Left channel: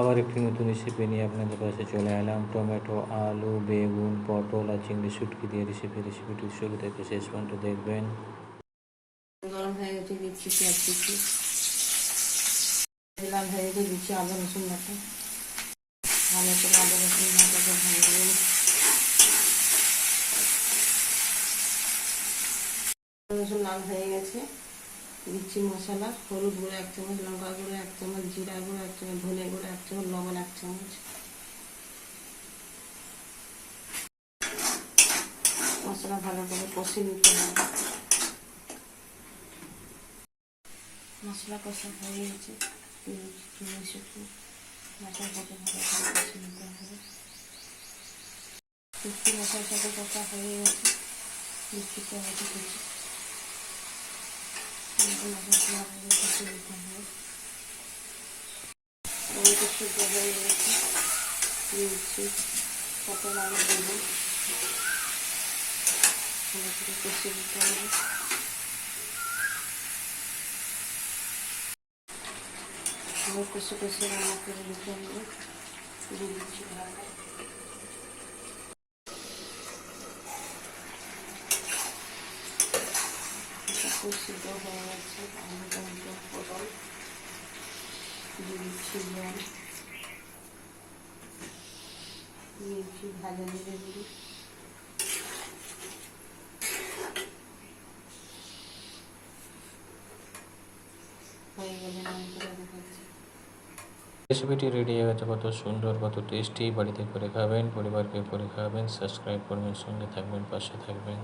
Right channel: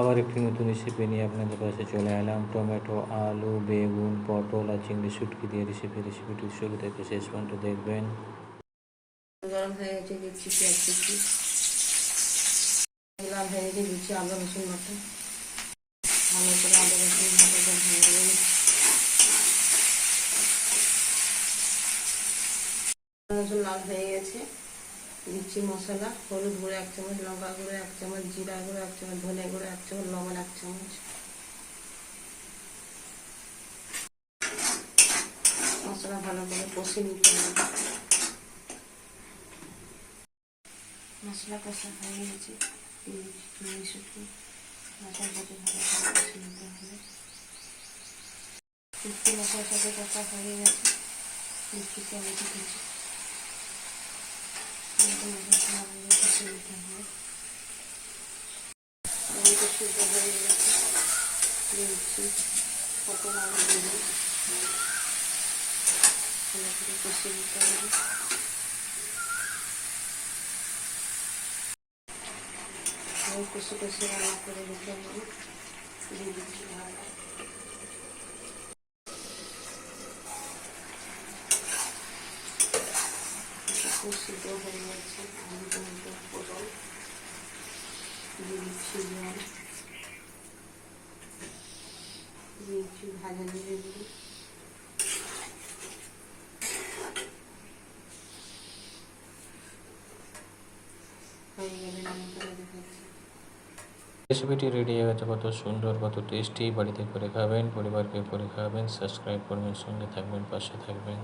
আবার একটি নতুন রেসিপি নিয়ে আপনাদের পাশে চলে এলাম। টমেটো, আলু, বেগুন, পটল আর চিংড়ি শুটকি দিয়ে রেসিপি রেসিপিটি শুরু থেকে শেষ পর্যন্ত দেখবেন। লাল হয়ে গেছে। দিচ্ছি মশলা, হলুদ গুঁড়ো এক চামচ, লঙ্কা গুঁড়ো এক চামচ, জিরা গুঁড়ো এক চামচ ধনে গুঁড়ো এক চামচ, লবণ এক চামচ। মশলা ভালো করে কষে নিতে হবে। মশলা কষা হয়ে গেছে। মশলা কষা ভালো করে কষে নিতে হবে। কষা হয়ে গেছে কুচি টমেটো মশলা ভালো করে কষে নিতে হবে টমেটো সিদ্ধ হয়ে গেছে দিচ্ছি পটল আলু দেবো ভালো করে কষে নিতে হবে কষে কষে রান্না করে হবে দিয়ে দিচ্ছি সিদ্ধ হয়ে গেছে আলু টমেটো পটল দিয়ে দিচ্ছি জল দিচ্ছি ভাজা করে দেখাচ্ছি রেসিপিটি রেডি হয়ে গেছে, কত সুন্দর, কত টেস্টি বাড়িতে করে খাবেন, পরিবারকে করে খাবেন সাবস্ক্রাইব করবেন, সঙ্গে থাকবেন, পাশে থাকবেন।